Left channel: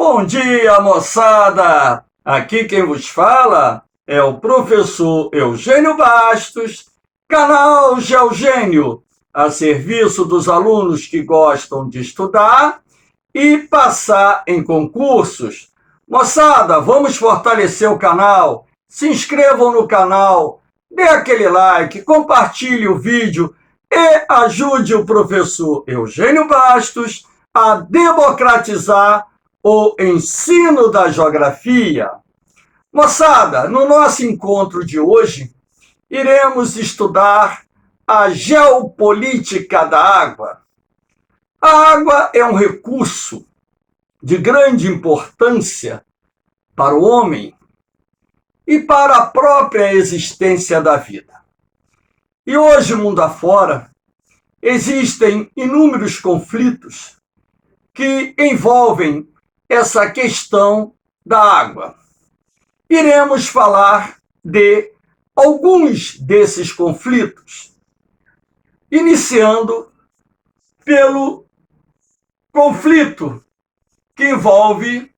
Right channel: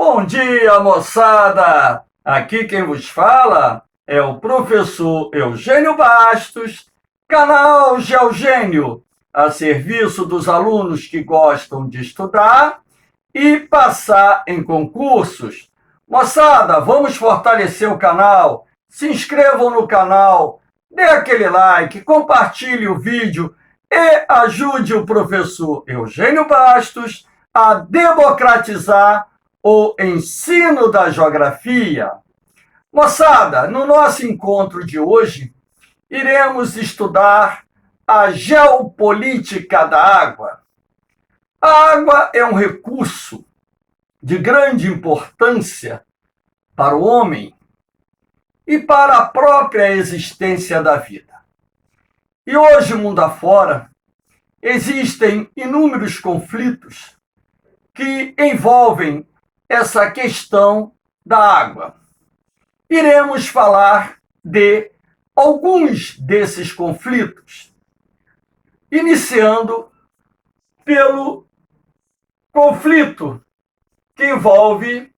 Bom dia, moçada! Aqui quem vos fala é o professor Eugênio Bastos, canal Geogênio, a serviço dos alunos que gostam de estudar e passar em concursos. Moçada, vamos fortalecer o canal, se inscrevam no canal, dê aquele like, compartilhe o vídeo e ajude o professor Eugênio Bastos a democratizar o ensino da geografia. Moçada, no nosso encontro de hoje, iremos estudar a geopolítica da água. A água é um recurso de grande importância para o homem e para a própria existência da vida. E hoje, mundo afora, existem inúmeros conflitos que envolvem essa questão da água. Iremos falar de alguns desses conflitos, iniciando pelo conflito que envolve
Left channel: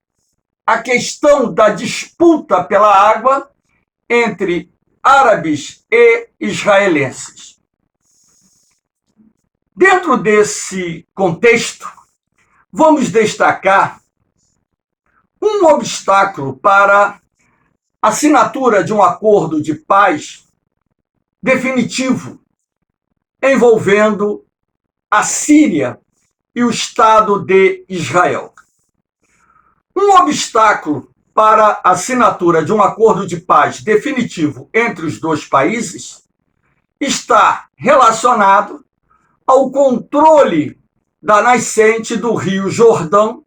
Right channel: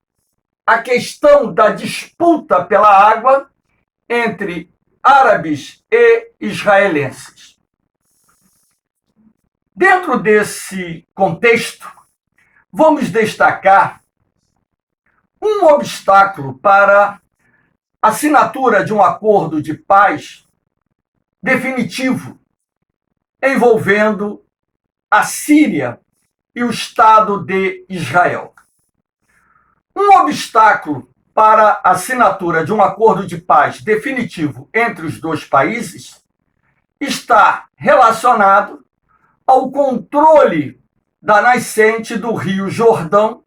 a questão da disputa pela água entre árabes e israelenses. Dentro desse contexto, vamos destacar um obstáculo para a assinatura de um acordo de paz definitivo envolvendo a Síria e o Estado de Israel. Um obstáculo para a assinatura de um acordo de paz definitivo entre os dois países está relacionado ao controle da nascente do Rio Jordão,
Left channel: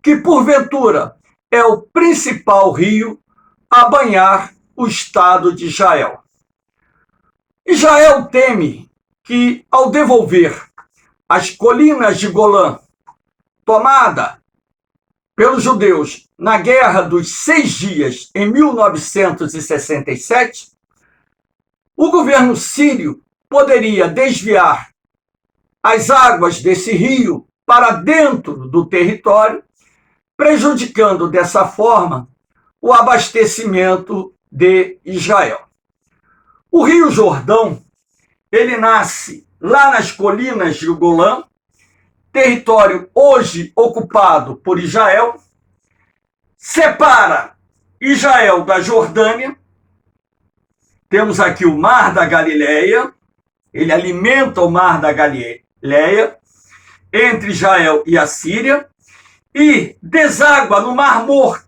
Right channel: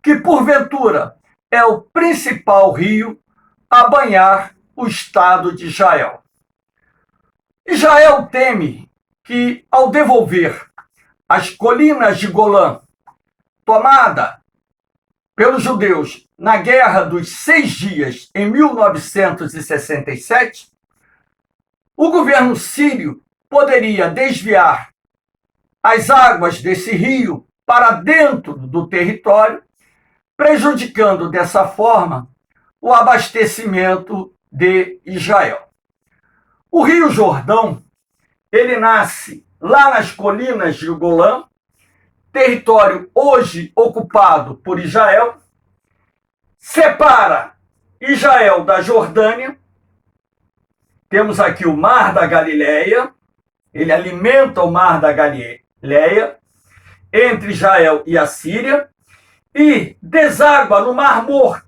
que porventura é o principal rio a banhar o Estado de Israel. Israel teme que, ao devolver as colinas de Golã, tomada pelos judeus na Guerra dos 6 Dias, em 1967, o governo sírio poderia desviar as águas desse rio para dentro do território, prejudicando dessa forma o abastecimento de Israel. O Rio Jordão, ele nasce lá nas colinas de Golã, território hoje ocupado por Israel, separa Israel da Jordânia. Temos aqui o Mar da Galileia, ele alimenta o Mar da Galileia entre Israel e a Síria e deságua no Mar Morto.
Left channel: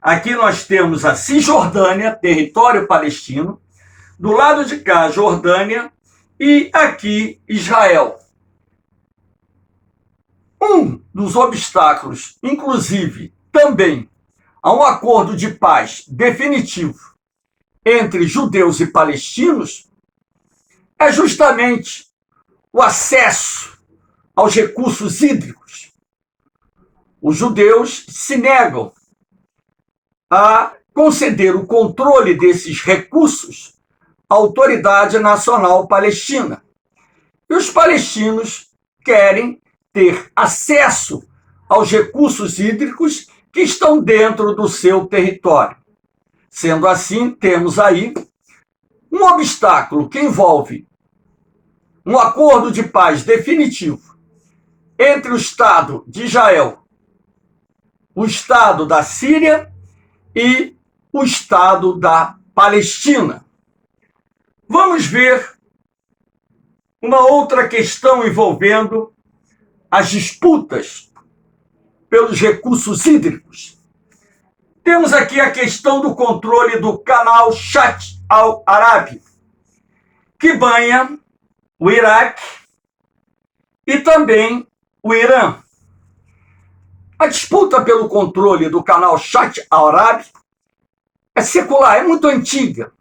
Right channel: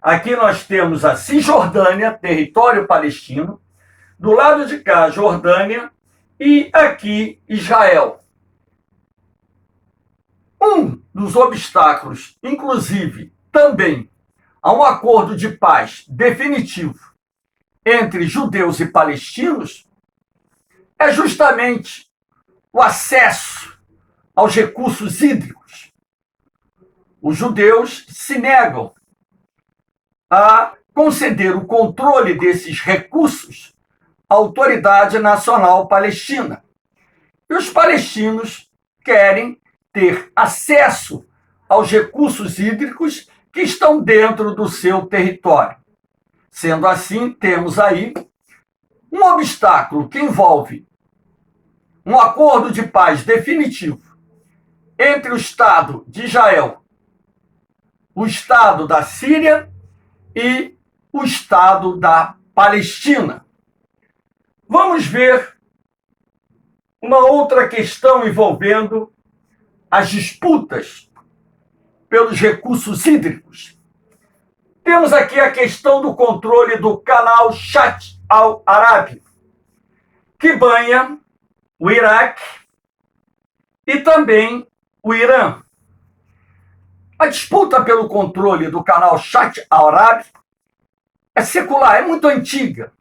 Aqui nós temos a Cisjordânia, território palestino, do lado de cá, Jordânia, e aqui Israel. Um dos obstáculos, inclusive, também a um acordo de paz definitivo entre judeus e palestinos, é justamente o acesso aos recursos hídricos. Os judeus se negam a conceder o controle desses recursos à Autoridade Nacional Palestina. E os palestinos querem ter acesso aos recursos hídricos que estão dentro do seu território. Sendo assim, temos aí um obstáculo que envolve um acordo de paz definitivo entre o Estado de Israel, o Estado da Síria e o Estado da Palestina. Vamos ver uma outra questão envolvendo as disputas pelos recursos hídricos. Temos aqui a questão do controle do canal Shatt al-Arab, que banha o Iraque e também o Irã. A disputa pelo controle do canal Shatt al-Arab é secular, é muito antiga.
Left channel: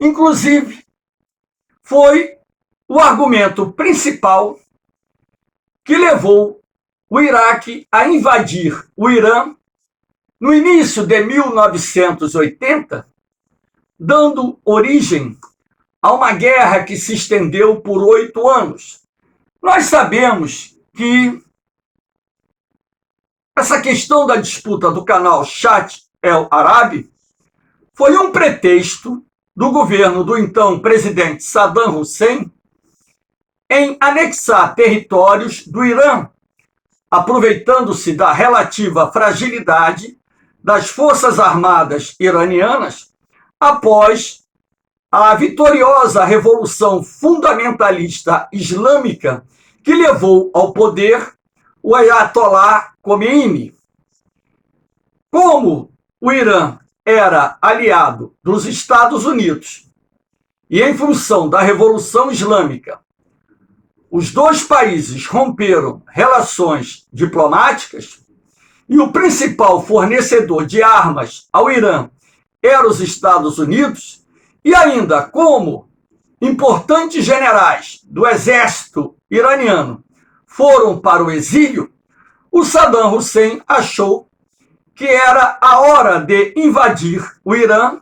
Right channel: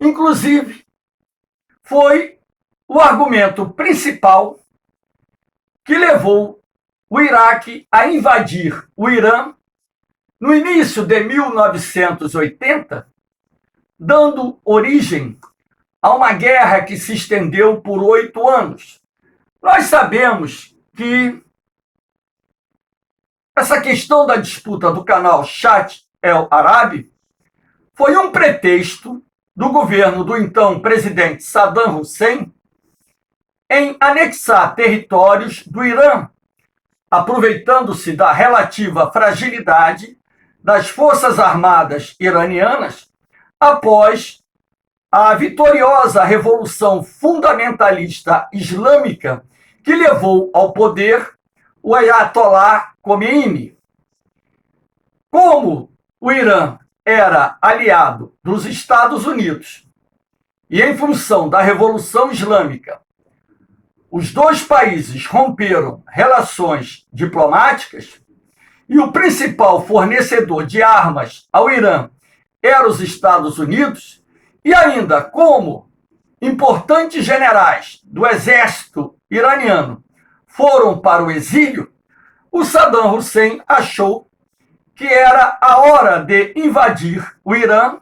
Inclusive, foi o argumento principal que levou o Iraque a invadir o Irã no início de 1980, dando origem a uma guerra que se estendeu por 8 anos. Nós sabemos que essa questão da disputa do canal Shat El Arabi foi um pretexto do governo do então presidente Saddam Hussein em anexar territórios do Irã, aproveitando-se da relativa fragilidade das Forças Armadas iranianas após a vitoriosa Revolução Fundamentalista Islâmica que levou ao poder o Ayatollah Khomeini. Como o Irã era aliado dos Estados Unidos e, em função da Revolução Islâmica, os dois países romperam relações diplomáticas e o principal fornecedor de armas ao Irã era os Estados Unidos, e ainda como importantes generais do exército iraniano foram para o exílio, o Saddam Hussein achou que era a hora de invadir o Irã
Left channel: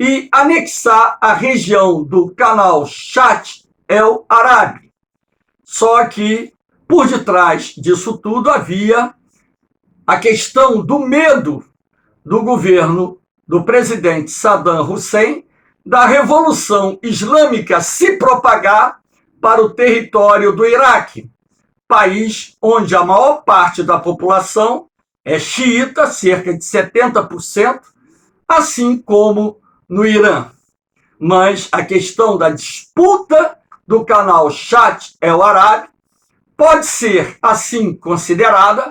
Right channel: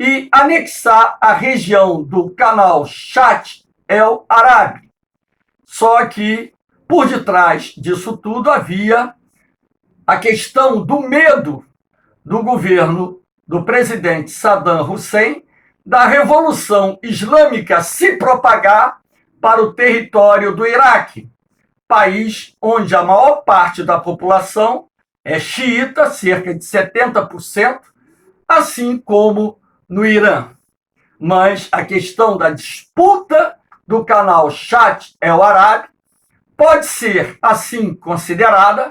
e anexar a região do canal Shat El Arabi. Só que, por detrás disso tudo, havia a questão do medo do governo do presidente Saddam Hussein da Revolução Islâmica se propagar para o território do Iraque, país onde a maior parte da população é xiita, cerca de 70%, assim como no Irã. Mas a questão da disputa do canal Shat El Arabi pode ser, assim, considerada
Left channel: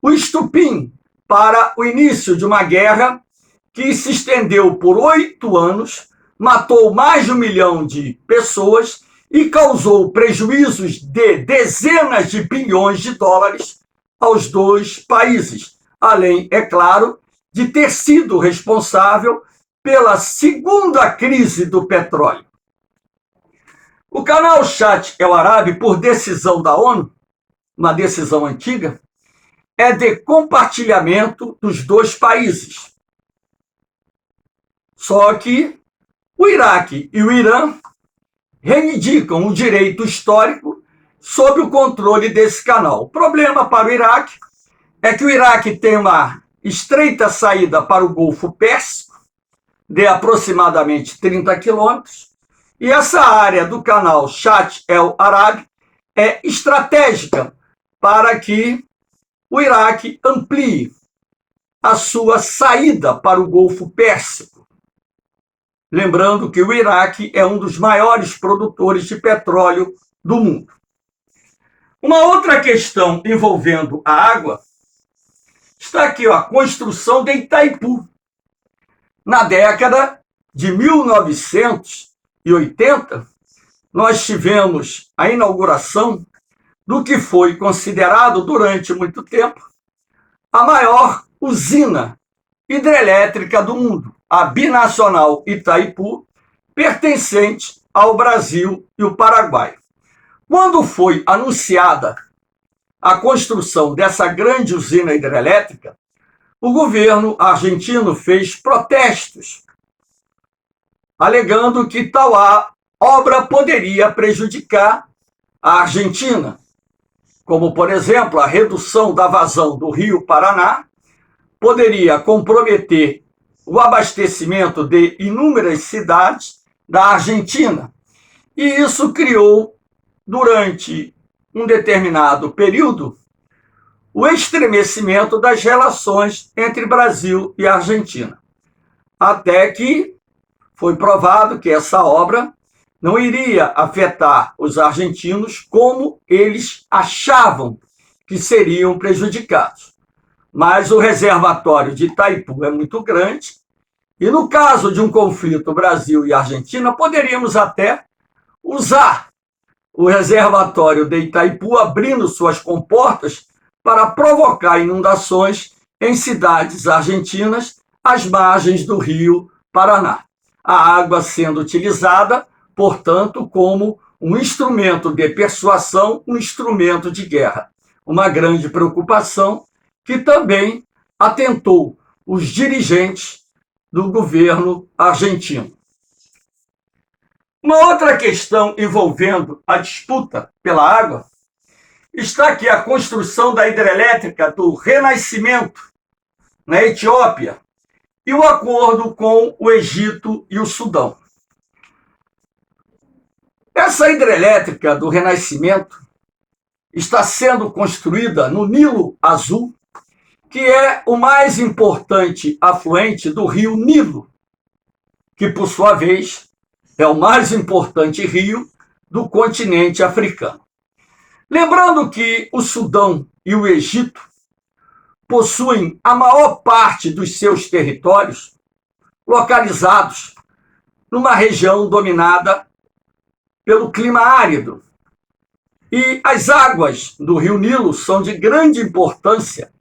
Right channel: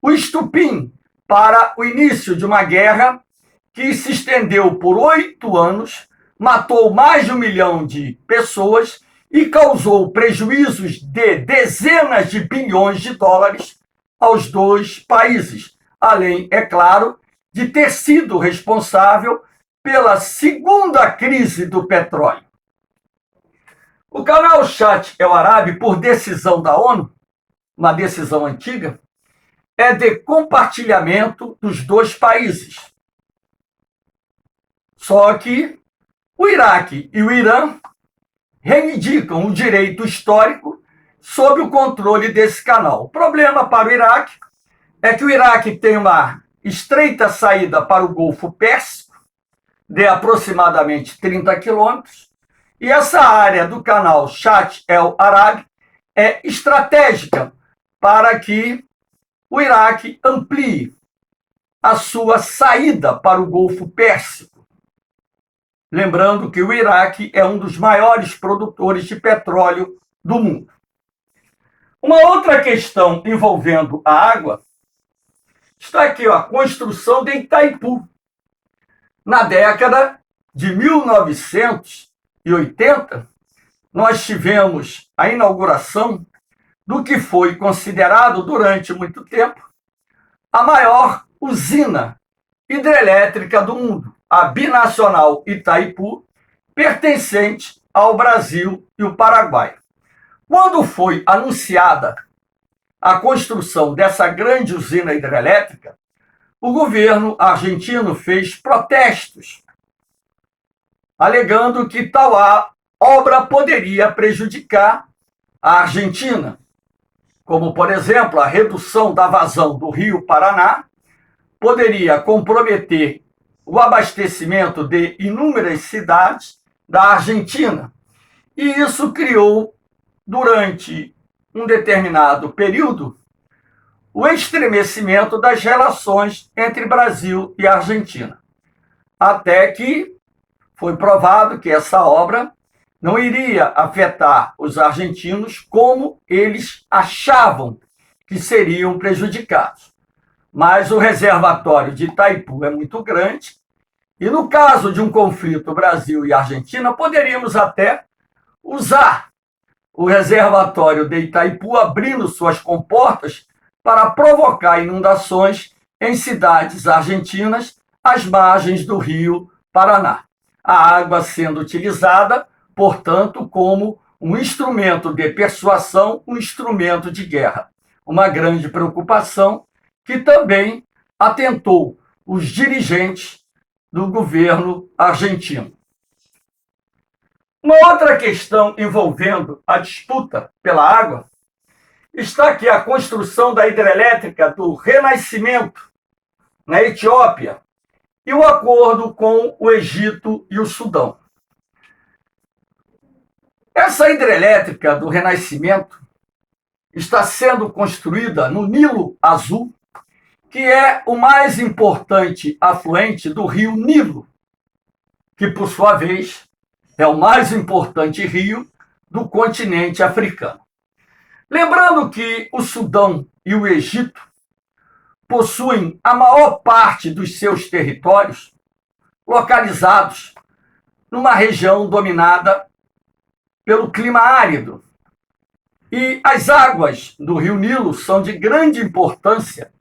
o estupim para o início de uma guerra que se estendeu por 8 anos, matou mais de 1 milhão de pessoas e causou prejuízos de dezenas de bilhões de dólares aos dois países, além, é claro, de ter sido responsável pela segunda crise do petróleo. O canal Shat El Arabi, por decisão da ONU, uma decisão antiga, é de compartilhamento dos dois países. Só que o Iraque e o Irã reivindicam o direito histórico sob o controle desse canal. O problema para o Iraque é que o Iraque tem uma estreita saída para o Golfo Pérsico, de aproximadamente 30 quilômetros, e essa área do canal Shat El Arabi é estratégica para que o Iraque amplie a sua saída para o Golfo Pérsico. Lembrando que o Iraque é um dos maiores produtores de petróleo do mundo. Uma outra questão envolvendo a água está aqui, a construção de Itaipu. Na década de 1980, nós tivemos a inauguração do que foi considerado durante muito tempo a maior usina hidrelétrica do mundo, a Binacional Itaipu, pertencente ao Brasil e o Paraguai. Quando foi anunciada a construção dessa grande usina hidrelétrica, o governo argentino fez protestos, alegando que tal obra poderia prejudicar a Argentina, como, por exemplo, a redução da vazão do Rio Paraná poderia comprometer o abastecimento de inúmeras cidades da Argentina. E isso criou, durante um determinado período, o estremecimento das relações entre Brasil e Argentina. Até que foi provado que essa obra não iria afetar os argentinos como eles achavam que seriam prejudicados. Mas o reservatório de Itaipu é muito grande e, no caso de um conflito Brasil e Argentina, poderíamos até usar o reservatório de Itaipu abrindo suas comportas para provocar inundações em cidades argentinas às margens do Rio Paraná. A água sendo utilizada, portanto, como um instrumento de persuasão, um instrumento de guerra. Uma grande preocupação que também atentou os dirigentes do governo argentino. Uma outra questão envolvendo a disputa pela água está aqui a construção da hidrelétrica do Renascimento, na Etiópia, e o acordo com o Egito e o Sudão. Essa hidrelétrica do Renascimento está sendo construída no Nilo Azul, que é o mais importante afluente do rio Nilo, que, por sua vez, é o mais importante rio do continente africano. Lembrando que o Sudão e o Egito possuem a maior parte dos seus territórios localizados numa região dominada pelo clima árido. E as águas do rio Nilo são de grande importância,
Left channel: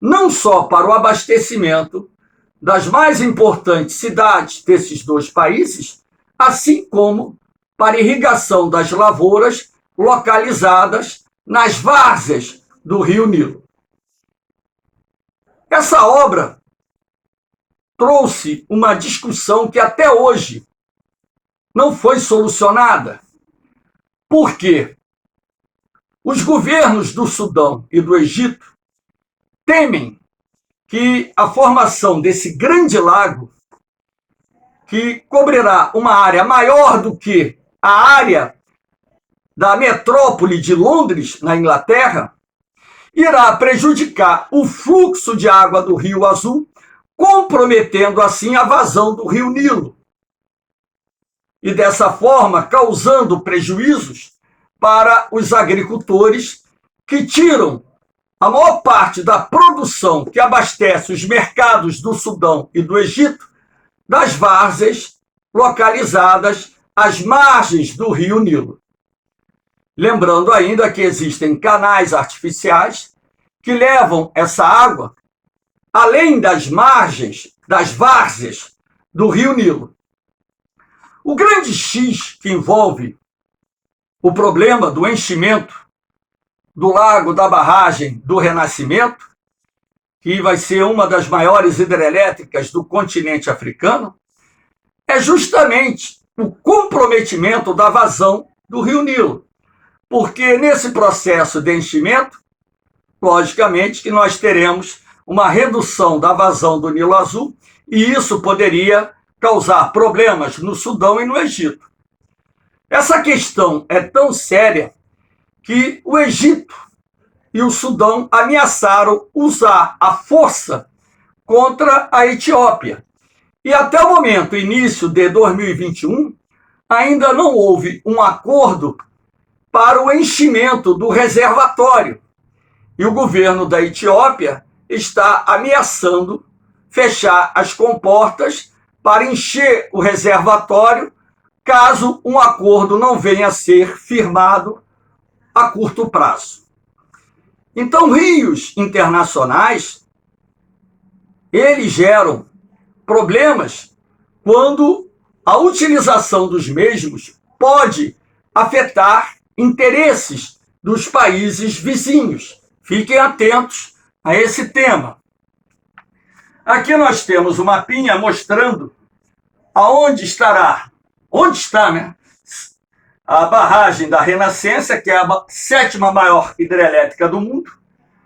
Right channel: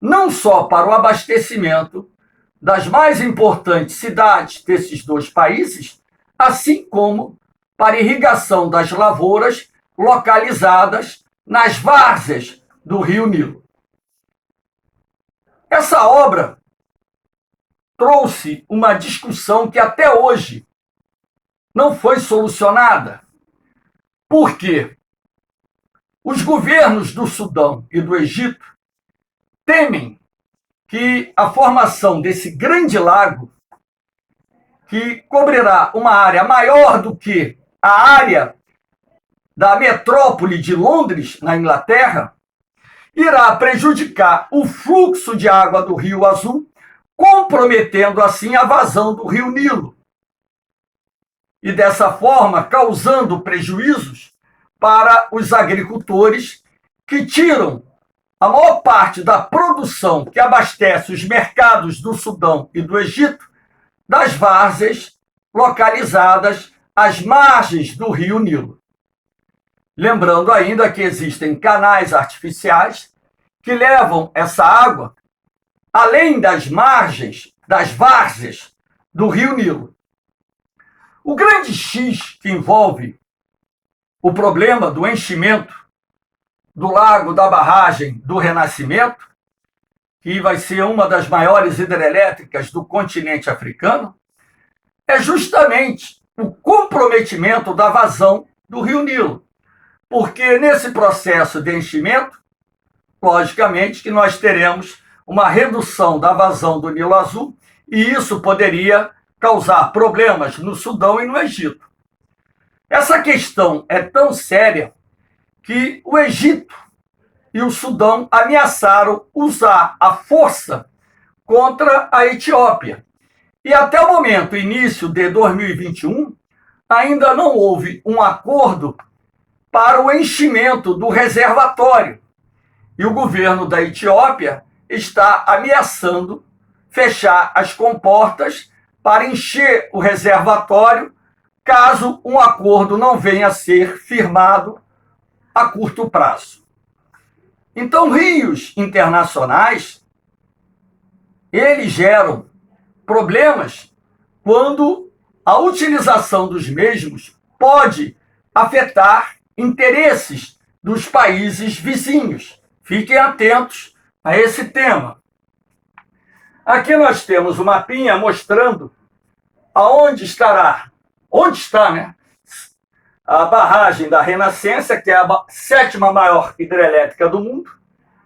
não só para o abastecimento das mais importantes cidades desses dois países, assim como para a irrigação das lavouras localizadas nas várzeas do rio Nilo. Essa obra trouxe uma discussão que até hoje não foi solucionada. Por quê? Os governos do Sudão e do Egito temem que a formação desse grande lago, que cobrirá uma área maior do que a área da metrópole de Londres, na Inglaterra, irá prejudicar o fluxo de água do Rio Azul, comprometendo assim a vazão do Rio Nilo. E dessa forma, causando prejuízos para os agricultores que tiram a maior parte da produção que abastece os mercados do Sudão e do Egito das várzeas localizadas às margens do rio Nilo. Lembrando ainda que existem canais artificiais que levam essa água além das margens das várzeas do rio Nilo. O grande X que envolve o problema do enchimento do lago da barragem do Renascimento, que vai ser uma das maiores hidrelétricas do continente africano, é justamente o comprometimento da vazão do rio Nilo. Porque nesse processo de enchimento, logicamente que nós teremos uma redução da vazão do Nilo Azul, e isso poderia causar problemas no Sudão e no Egito. Essa questão é tão séria que o Egito e o Sudão ameaçaram usar a força contra a Etiópia. E até o momento, início de 2021, ainda não houve um acordo para o enchimento do reservatório. E o governo da Etiópia está ameaçando fechar as comportas para encher o reservatório caso um acordo não venha a ser firmado a curto prazo. Então, rios internacionais, eles geram problemas quando a utilização dos mesmos pode afetar interesses dos países vizinhos. Fiquem atentos a esse tema. Aqui nós temos um mapinha mostrando onde está, a barragem da Renascença, que é a sétima maior hidrelétrica do mundo.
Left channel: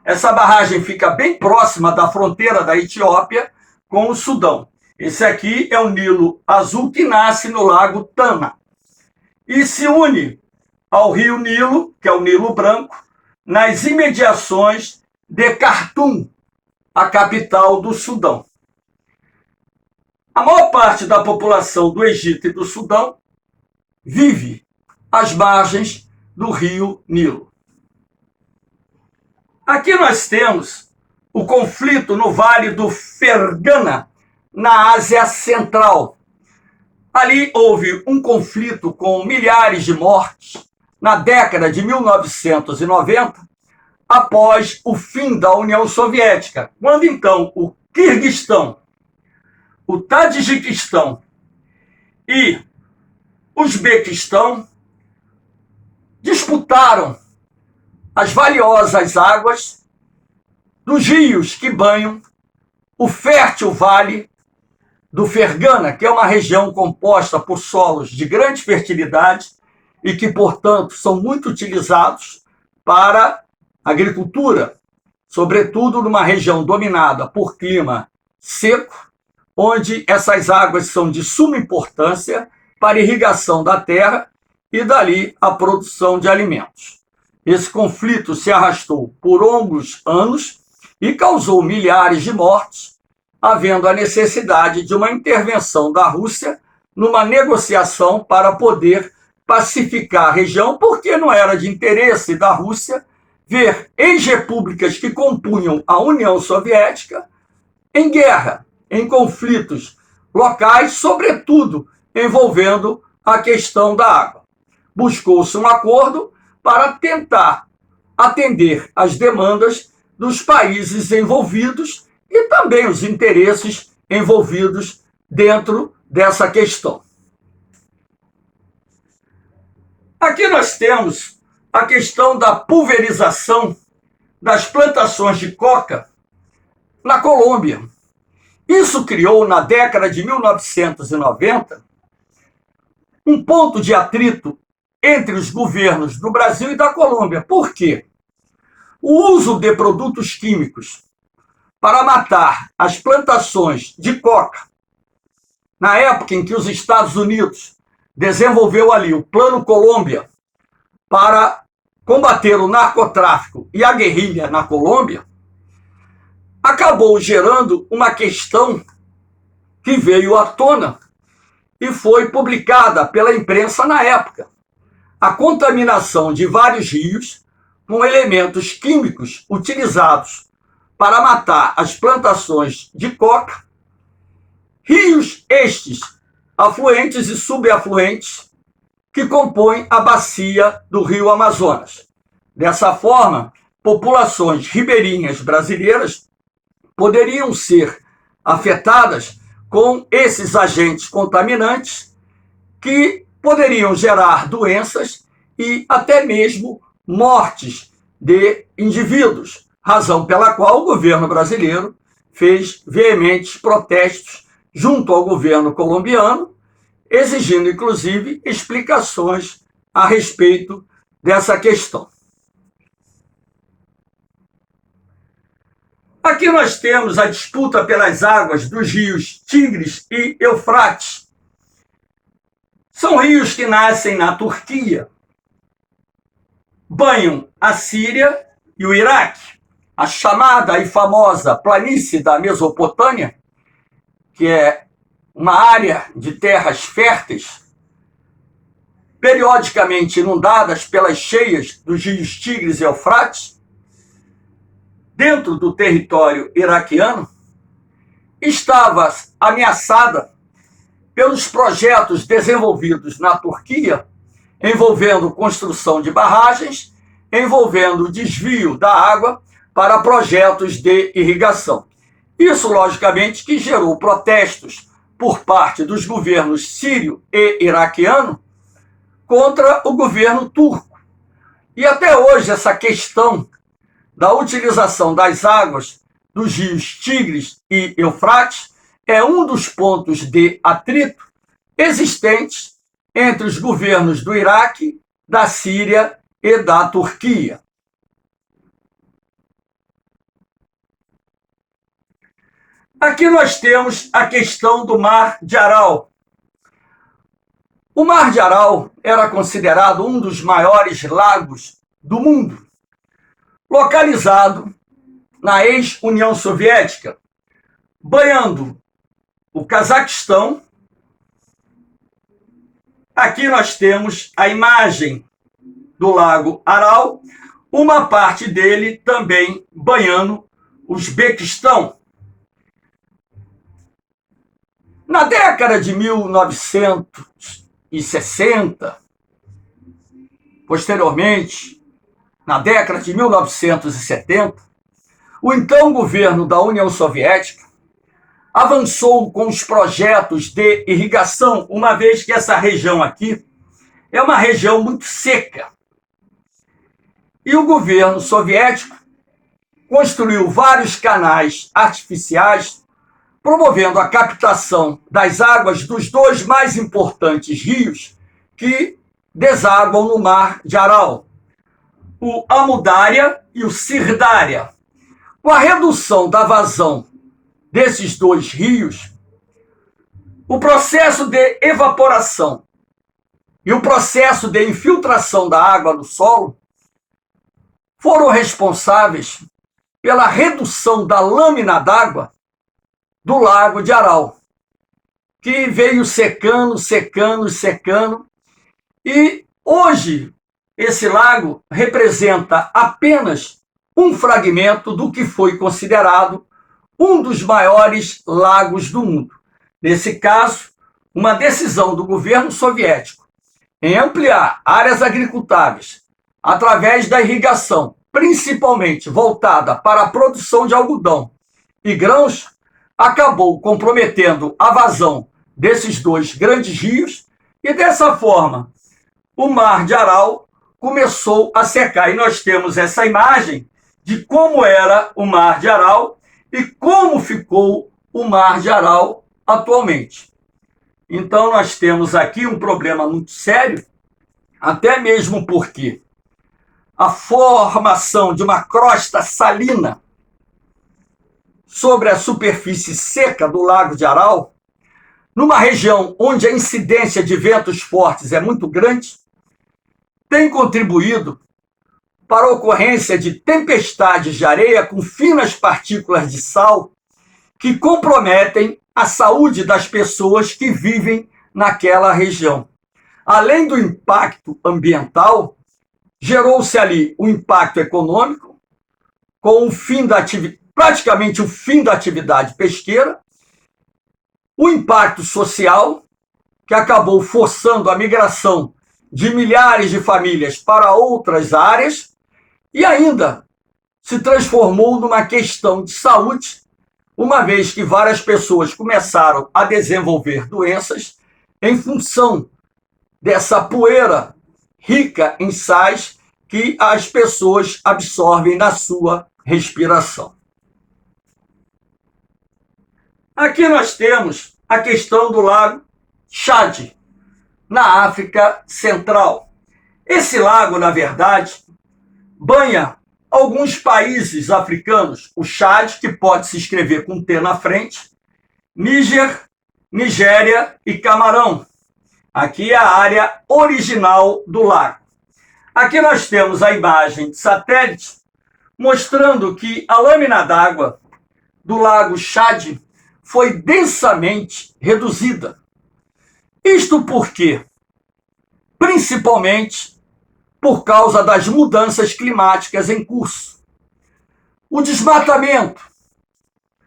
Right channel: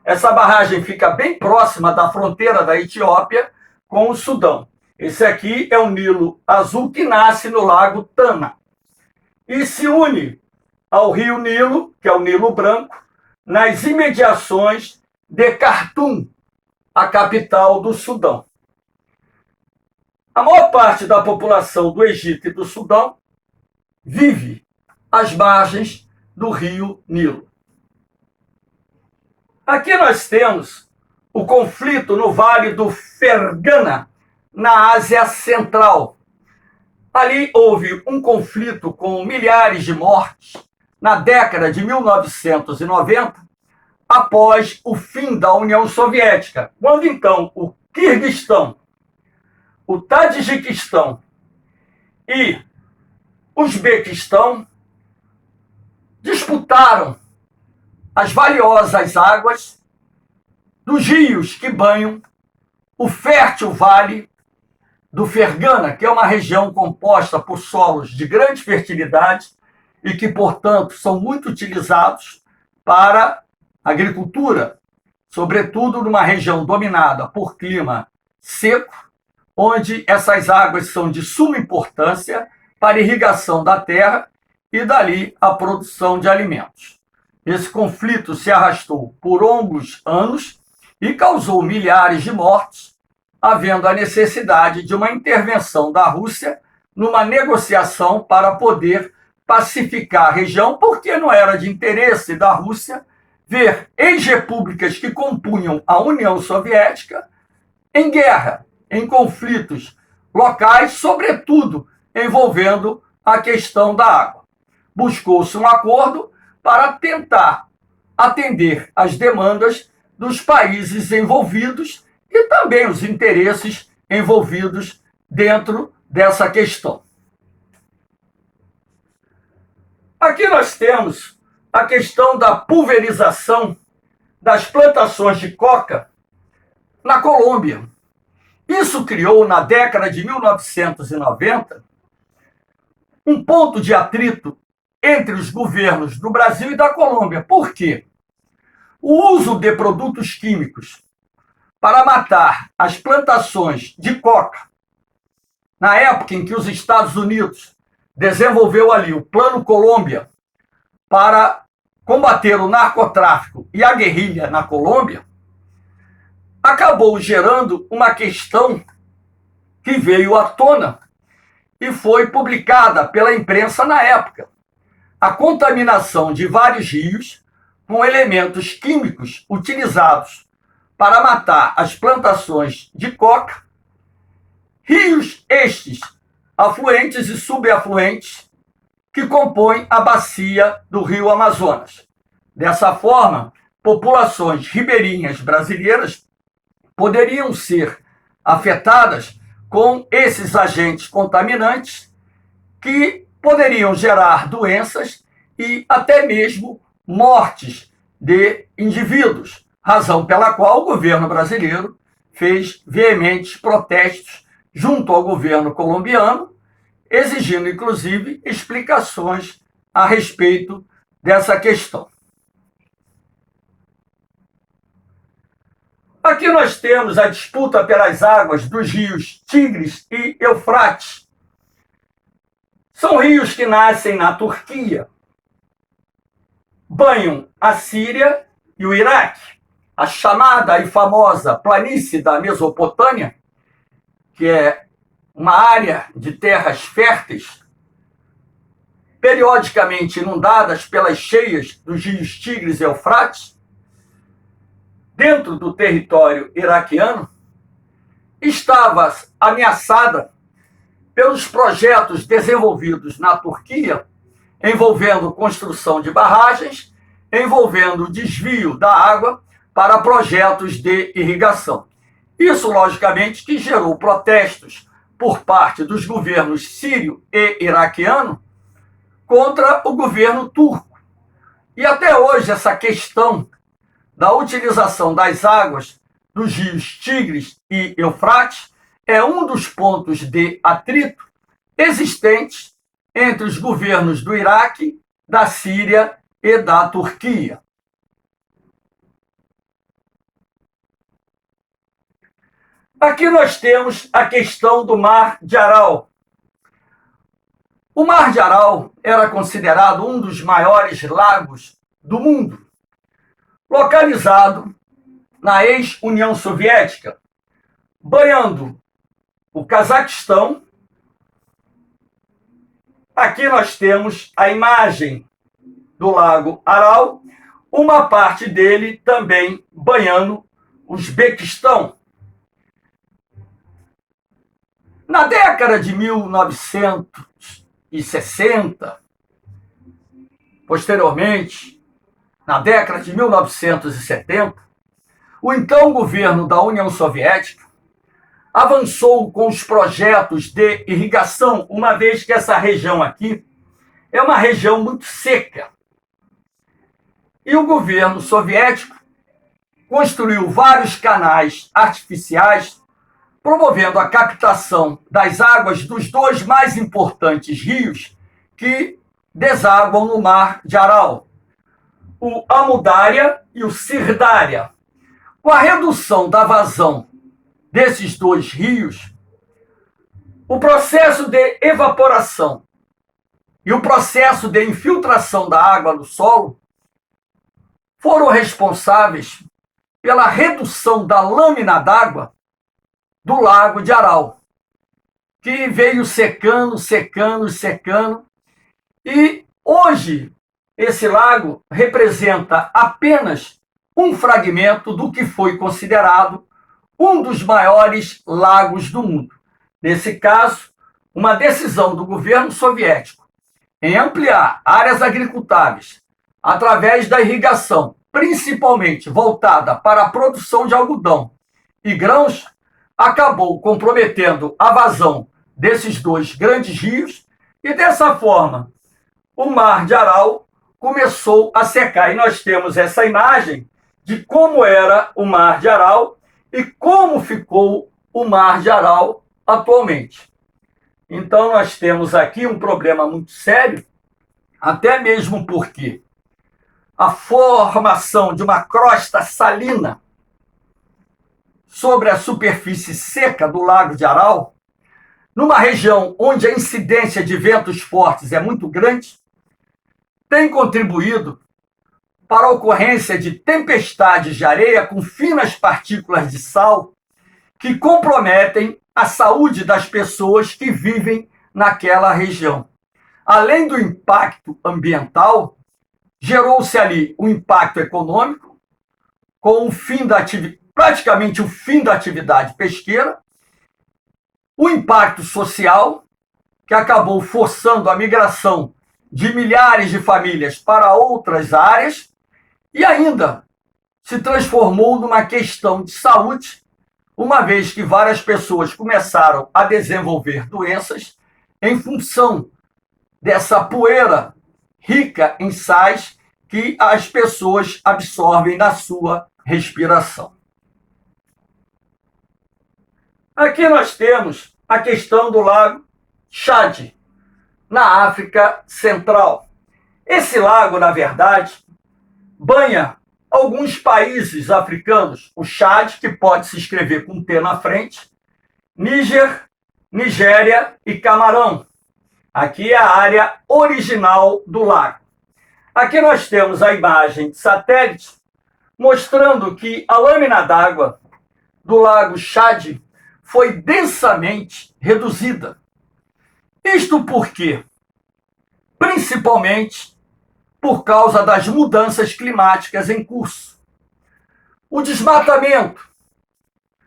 Essa barragem fica bem próxima da fronteira da Etiópia com o Sudão. Esse aqui é o Nilo Azul, que nasce no lago Tana e se une ao rio Nilo, que é o Nilo Branco, nas imediações de Khartoum, a capital do Sudão. A maior parte da população do Egito e do Sudão vive às margens do rio Nilo. Aqui nós temos o conflito no Vale do Fergana, na Ásia Central. Ali houve um conflito com milhares de mortes na década de 1990, após o fim da União Soviética, quando então o Quirguistão, o Tadjiquistão e o Uzbequistão disputaram as valiosas águas dos rios que banham o fértil Vale do Fergana, que é uma região composta por solos de grande fertilidade e que, portanto, são muito utilizados para agricultura, sobretudo numa região dominada por clima seco, onde essas águas são de suma importância para a irrigação da terra e dali a produção de alimentos. Esse conflito se arrastou por longos anos e causou milhares de mortes, havendo a necessidade de uma intervenção da Rússia numa negociação para poder pacificar a região, porque não era de interesse da Rússia ver ex-repúblicas que compunham a União Soviética em guerra, em conflitos locais, sobretudo envolvendo a questão da água. Buscou-se um acordo para tentar atender às demandas dos países envolvidos e também os interesses envolvidos dentro dessa questão. Aqui nós temos a questão da pulverização das plantações de coca na Colômbia. Isso criou, na década de 1990, um ponto de atrito entre os governos do Brasil e da Colômbia. Por quê? O uso de produtos químicos para matar as plantações de coca, na época em que os Estados Unidos desenvolveu ali o Plano Colômbia para combater o narcotráfico e a guerrilha na Colômbia, acabou gerando uma questão que veio à tona e foi publicada pela imprensa na época. A contaminação de vários rios com elementos químicos utilizados para matar as plantações de coca, rios estes afluentes e subafluentes que compõem a bacia do Rio Amazonas. Dessa forma, populações ribeirinhas brasileiras poderiam ser afetadas com esses agentes contaminantes que poderiam gerar doenças e até mesmo mortes de indivíduos, razão pela qual o governo brasileiro fez veementes protestos junto ao governo colombiano, exigindo, inclusive, explicações a respeito dessa questão. Aqui nós temos a disputa pelas águas dos rios Tigres e Eufrates. São rios que nascem na Turquia, banham a Síria e o Iraque. A chamada e famosa planície da Mesopotâmia, que é uma área de terras férteis, periodicamente inundadas pelas cheias dos rios Tigres e Eufrates, dentro do território iraquiano, estava ameaçada pelos projetos desenvolvidos na Turquia, envolvendo construção de barragens, envolvendo o desvio da água para projetos de irrigação. Isso, logicamente, que gerou protestos por parte dos governos sírio e iraquiano contra o governo turco. E até hoje essa questão da utilização das águas dos rios Tigres e Eufrates é um dos pontos de atrito existentes entre os governos do Iraque, da Síria e da Turquia. Aqui nós temos a questão do Mar de Aral. O Mar de Aral era considerado um dos maiores lagos do mundo, localizado na ex-União Soviética, banhando o Cazaquistão. Aqui nós temos a imagem do Lago Aral, uma parte dele também banhando o Uzbequistão. Na década de 1960, posteriormente, na década de 1970, o então governo da União Soviética avançou com os projetos de irrigação, uma vez que essa região aqui é uma região muito seca. E o governo soviético construiu vários canais artificiais, promovendo a captação das águas dos dois mais importantes rios que desaguam no Mar de Aral, o Amudária e o Sirdária. Com a redução da vazão desses dois rios, o processo de evaporação e o processo de infiltração da água no solo foram responsáveis pela redução da lâmina d'água do Lago de Aral, que veio secando, secando, secando, e hoje esse lago representa apenas um fragmento do que foi considerado um dos maiores lagos do mundo. Nesse caso, uma decisão do governo soviético em ampliar áreas agricultáveis através da irrigação, principalmente voltada para a produção de algodão e grãos, acabou comprometendo a vazão desses dois grandes rios e, dessa forma, o Mar de Aral começou a secar. E nós temos essa imagem de como era o Mar de Aral e como ficou o Mar de Aral atualmente. Então, nós temos aqui um problema muito sério, até mesmo porque a formação de uma crosta salina sobre a superfície seca do Lago de Aral, numa região onde a incidência de ventos fortes é muito grande, tem contribuído para a ocorrência de tempestades de areia com finas partículas de sal que comprometem a saúde das pessoas que vivem naquela região. Além do impacto ambiental, gerou-se ali o impacto econômico, com o fim da praticamente o fim da atividade pesqueira, o impacto social, que acabou forçando a migração de milhares de famílias para outras áreas, e ainda se transformou numa questão de saúde, uma vez que várias pessoas começaram a desenvolver doenças em função dessa poeira rica em sais que as pessoas absorvem na sua respiração. Aqui nós temos a questão do lago Chad, na África Central. Esse lago, na verdade, banha alguns países africanos, o Chad, que pode se escrever com T na frente, Níger, Nigéria e Camarão. Aqui é a área original do lago. Aqui nós temos a imagem de satélite mostrando que a lâmina d'água do lago Chad foi densamente reduzida. Isto porque, principalmente, por causa das mudanças climáticas em curso. O desmatamento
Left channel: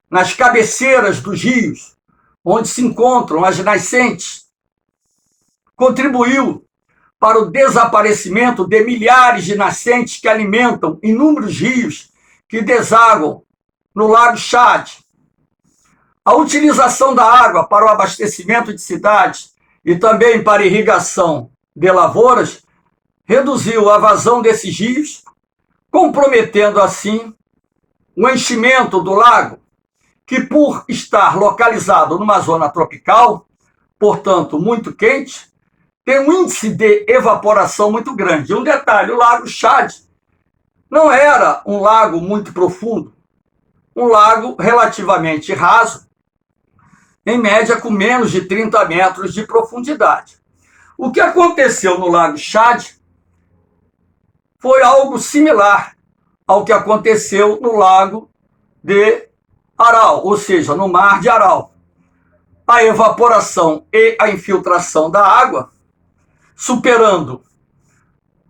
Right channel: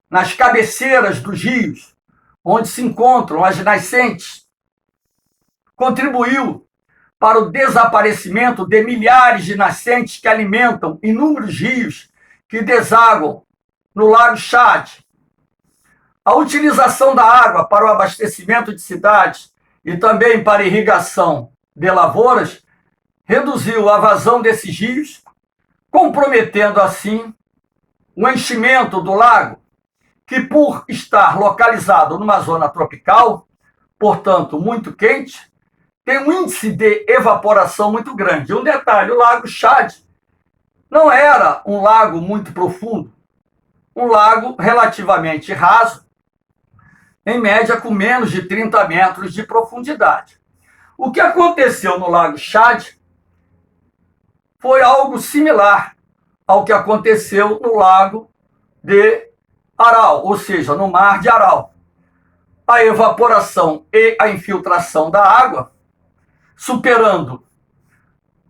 nas cabeceiras dos rios, onde se encontram as nascentes, contribuiu para o desaparecimento de milhares de nascentes que alimentam inúmeros rios que desaguam no Lago Chad. A utilização da água para o abastecimento de cidades e também para irrigação de lavouras reduziu a vazão desses rios, comprometendo assim o enchimento do lago, que por estar localizado numa zona tropical, portanto muito quente, tem um índice de evaporação muito grande. Um detalhe, o Lago Chad não era um lago muito profundo, um lago relativamente raso, em média com menos de 30 metros de profundidade. O que aconteceu no Lago Chad foi algo similar ao que aconteceu no Lago de Aral, ou seja, no Mar de Aral. A evaporação e a infiltração da água, superando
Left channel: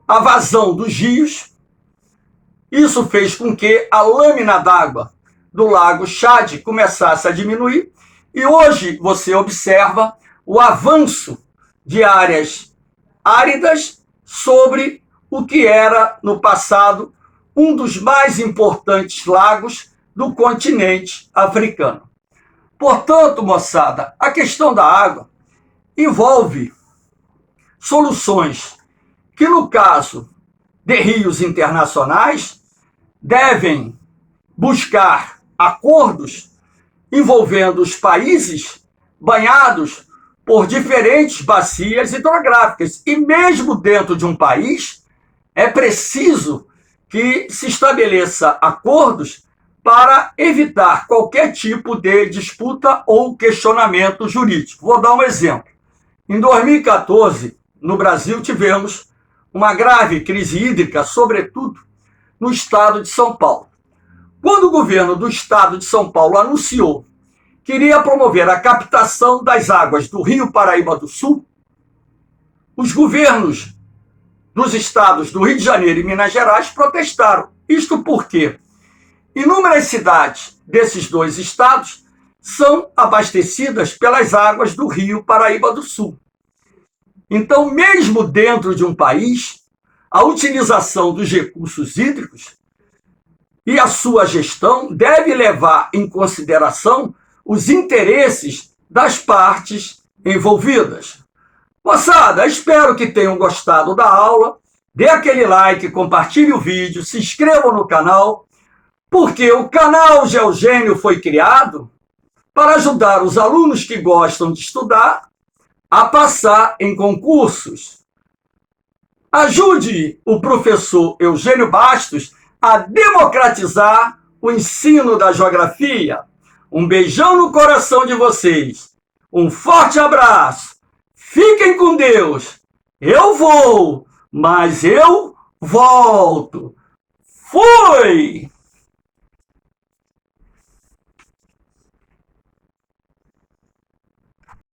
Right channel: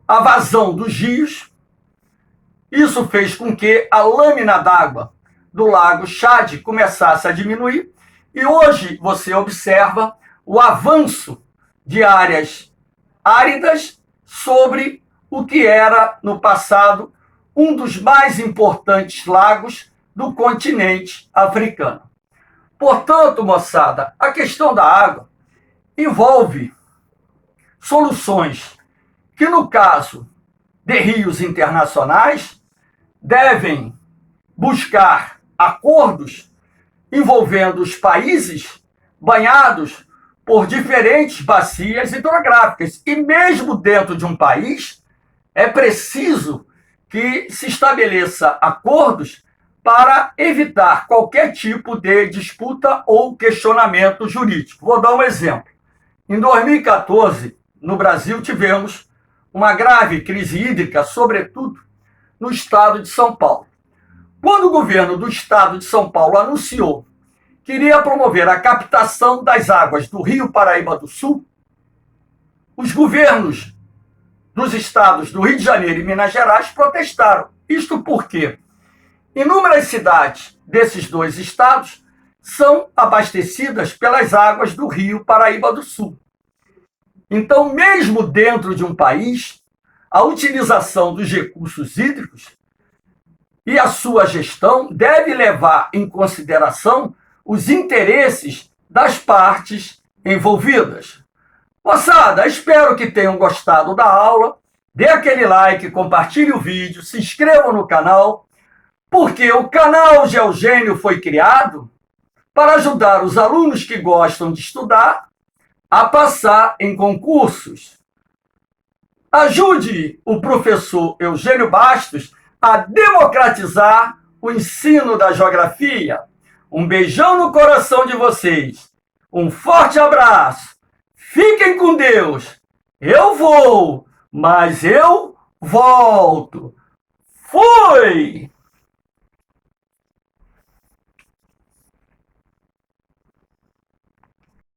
a vazão dos rios, isso fez com que a lâmina d'água do Lago Chad começasse a diminuir, e hoje você observa o avanço de áreas áridas sobre o que era, no passado, um dos mais importantes lagos do continente africano. Portanto, moçada, a questão da água envolve soluções que, no caso de rios internacionais, devem buscar acordos envolvendo os países banhados por diferentes bacias hidrográficas. E mesmo dentro de um país, é preciso que se estabeleça acordos para evitar qualquer tipo de disputa ou questionamento jurídico. Vou dar um exemplo. Em 2014, no Brasil, tivemos uma grave crise hídrica, sobretudo no estado de São Paulo. Quando o governo do estado de São Paulo anunciou que iria promover a captação das águas do Rio Paraíba do Sul, os governos dos estados do Rio de Janeiro e Minas Gerais protestaram. Isto porque inúmeras cidades desses dois estados são abastecidas pelas águas do Rio Paraíba do Sul. Então, mesmo dentro de um país, a utilização dos recursos hídricos e a sua gestão deve levar em consideração os interesses das partes envolvidas. Moçada, espero que tenham gostado da aula. Dê aquele like, compartilhe o vídeo, se inscreva no canal, porque o canal Geogênio foi criado para ajudar os alunos que gostam de estudar a passar em concursos. Ajude o professor Eugênio Bastos a democratizar o ensino da geografia. Um beijão no coração de vocês. Um forte abraço. Fiquem com Deus. Eu vou, mas eu volto. Fui!